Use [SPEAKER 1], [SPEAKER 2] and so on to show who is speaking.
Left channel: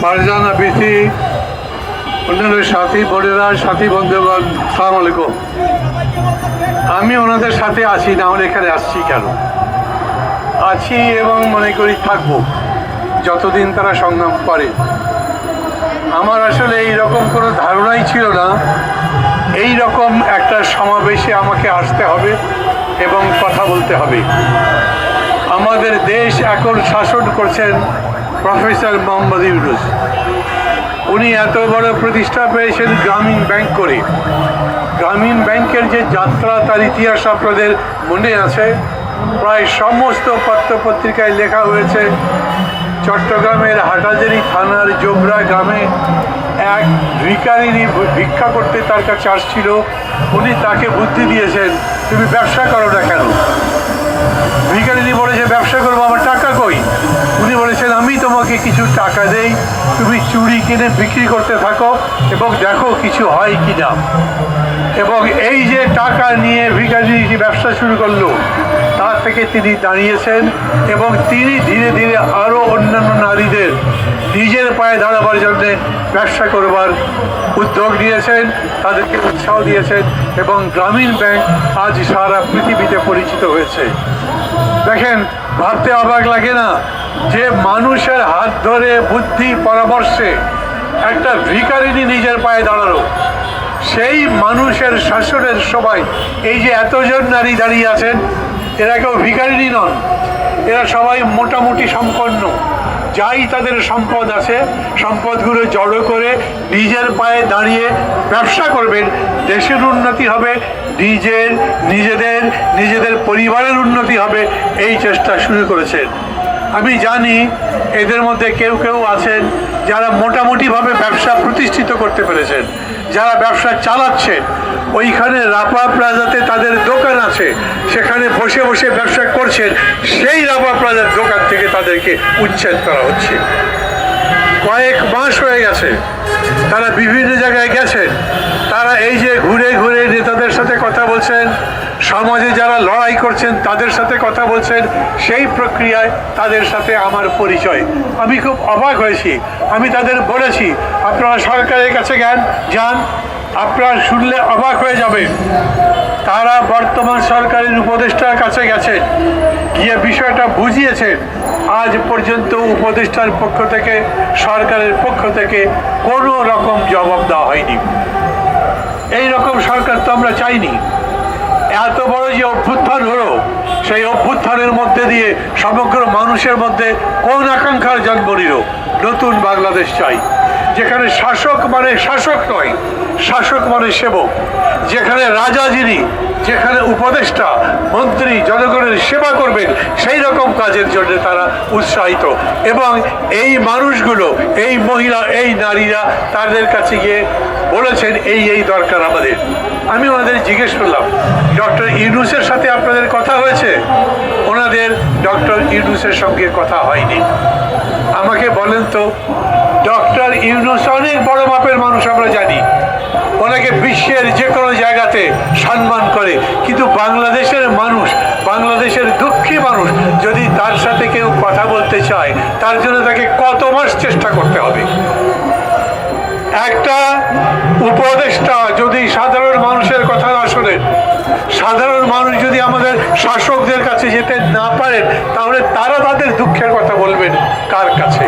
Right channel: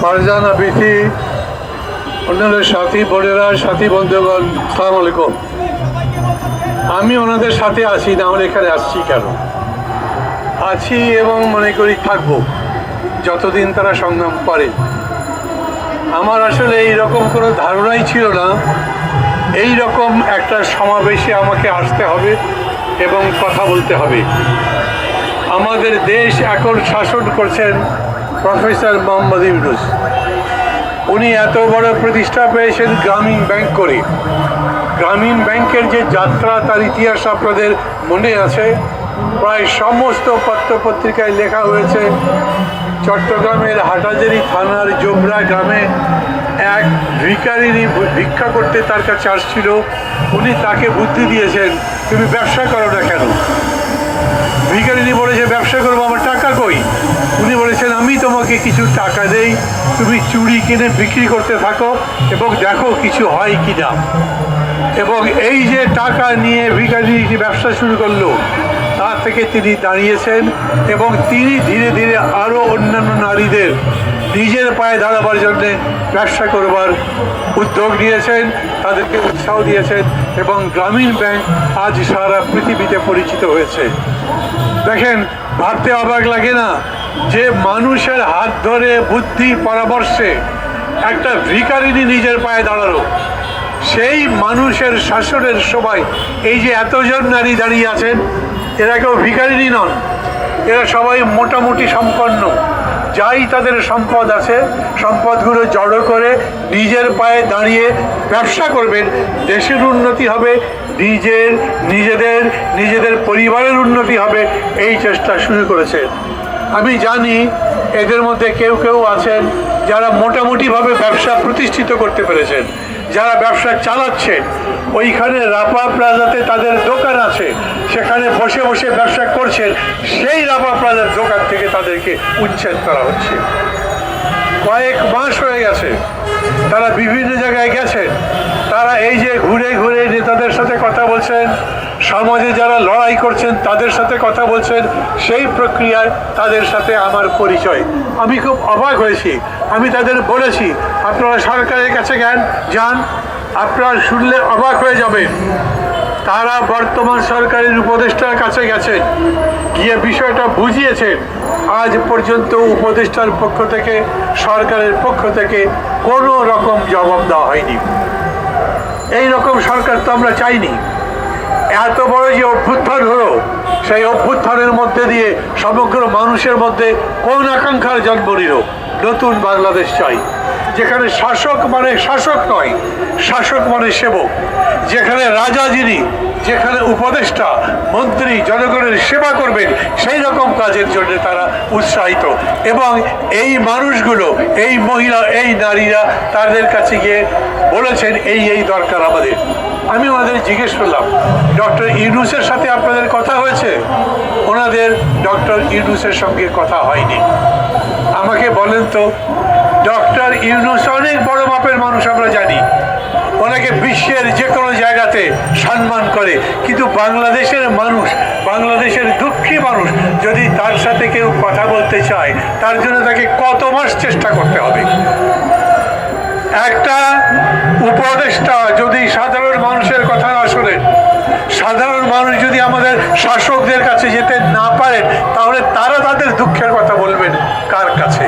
[SPEAKER 1] ফারজানা বিথি, অন্যান্য সাথী বোনেরা, সাথী বন্ধুগণ সালাম আলাইকুম আমি ওনাদের সাথে আছি, না আমরা এখানে আসছি কেন? আছি এবং মনে করি থাকব, যতদিন তারা সংগ্রাম করে। আমার আসলে এই রকম কোনো ধারণাই ছিল না। এই রকম একটা সমাবেশে আমাকে আসতে হবে এবং কথা বলতে হবে। আমাদের দেশ এখন শাসন করছেন প্রফেসর মোহাম্মদ ইউনুস। উনি এত বড় প্রতিষ্ঠা পেয়েছেন গ্রামীণ ব্যাংক করে। গ্রামীণ ব্যাংকের যে যাত্রা, তার ইতিহাস আপনাদের মনে আছে। প্রায় সমস্ত পত্রপত্রিকায় লেখা হয়েছে, চট্টগ্রামের হাটাজারি থানার জোবরা গ্রামে এক ভিকারিনী ভিক্ষা করতে তার কাছে আসছিল। উনি তাকে বুদ্ধি দিয়েছেন, তুমি ব্যবসা করো না কেন? ভিখারিনী বলেছে, ব্যবসা করব আমার টাকা কই উনি বলেছেন আমি তোমাকে কিছু টাকা দেই তুমি চুড়ি কিনে বিক্রি করতে থাকো এবং দেখো কিছু হয় কি না এবং এই যে টাকা নিয়ে কি ব্যবসা শুরু করল, তার থেকে তিনি দাঁড়িয়েছেন এবং তিনি ধীরে ধীরে আরও অন্যান্য নারীদের নিজের পায়ে দাঁড়াবার জন্য ব্যবসা করবার উদ্যোগ নিয়েছেন, তাদেরকে উৎসাহ দিয়েছেন এবং গ্রামীণ ব্যাংক আজ সারা পৃথিবীতে পরিচিত হয়েছে। দেখেন, ভাবতে অবাক লাগে না? যে মানুষের হাত ধরে বুদ্ধি পরামর্শে একটা ভিখারিনী নিজের পায়ে দাঁড়াল, সেই মানুষের শাসনের সময় এই যে এতজন নারী দাঁড়িয়ে আছেন, এরা কেউ ভিখারিনী নন, এরা সবাই মোটামুটি সম্পন্ন। যাই তাদের সম্পদ আছে, সম্পদগুলো জড়ো করে নিজের পায়ে দাঁড়িয়ে ব্যবসা করবেন, দেশের উন্নতি হবে, নিজের, নিজেদের নিজেদের পরিবারের উন্নতি হবে, এই চেষ্টা শুরু করেছেন আমি জানি এদের মধ্যে কেউ কেউ আছেন যারা মোটামুটিভাবে ব্যবসা প্রতিষ্ঠিত করতে পেরেছেন, যারা ব্যবসা চালাচ্ছে ওইখানে রাপা প্লাজাতে তাদের দোকান আছে, সেখানে বসে বসে ব্যবসা করছেন। সেই রাপা প্লাজার দোকান থেকে তাদেরকে উচ্ছেদ করা হচ্ছে। কয়েক মাস হয়ে গেছে, তারা বিভিন্ন জায়গায় গেছেন। তারা এই যে ঘুরে ঘুরে নেতাদের বলছেন, সমাজে যারা লড়াই করছেন, তাদের সাথে কথা বলছেন, সেই প্রক্রিয়ায় তাদের সাথে আমার পরিচয়। আমি খুব অবাক হয়েছি। আমি তাদের বলেছি, আপনারা সরকারের কাছে জ্ঞান যান। আপনারা শুনলে অবাক হয়ে যাবে তারা বর্তমান সরকারের উপদেষ্টার কাছে গেছেন। গিয়ে বিষয়টা বুঝিয়েছেন। আজ পর্যন্ত উপদেষ্টার পক্ষ থেকে, সরকারের পক্ষ থেকে কোনো রকম জবাব দেওয়া হয়নি। এই রকম সরকার তো আমরা চাইনি। এত বড় যে অভ্যুত্থান হলো, সেই অভ্যুত্থানের মধ্যে দিয়ে সমগ্র মানুষের মধ্যে কোন আকাঙ্ক্ষার জন্ম নিল? নতুন বাংলাদেশ চাই। যেখানে শাসক মানে শাসক নয়, শাসক মানে সেবক। যেখানে রাজা যিনি, যেখানে উপদেষ্টা, মন্ত্রী, জনগণের সেবা করবেন, সেই রকম কাজের জন্য তারা উৎসাহিত। এবং এই মানুষগুলো, এই মহিলা, এই নারীরা তাদের কাছে গিয়ে বলেছেন, এই এই দরকার আমাদের। আমি ওনাদের জিজ্ঞেস করলাম, ডক্টর ইউনুসের সাথে আপনাদের কথা হয়েছে? ওনাদের ডক্টর ইউনুসের সঙ্গে কথা হয়নি। আমাকে বলেন তো ডক্টর ইউনুস অনেক বড় মাপের মানুষ আমরা জানি। ওনাকে বিশ্বের যে কোনো জায়গাতে সম্মান করে। কিন্তু বাংলাদেশের মানুষ, বাংলাদেশের দুঃখী মানুষ যদি তার সাথে কেউ কথা বলতে চায়, তার জন্য তাকে কত মাস চেষ্টা করতে হবে? একটা উপদেষ্টা যদি সাধারণ মানুষের কথা না শোনেন, সাধারণ মানুষ যদি আমাদের শাসকদের কাছে যেতে না পারেন, তাহলে তারা তাদের দুঃখের কথা বলবেন কার কাছে?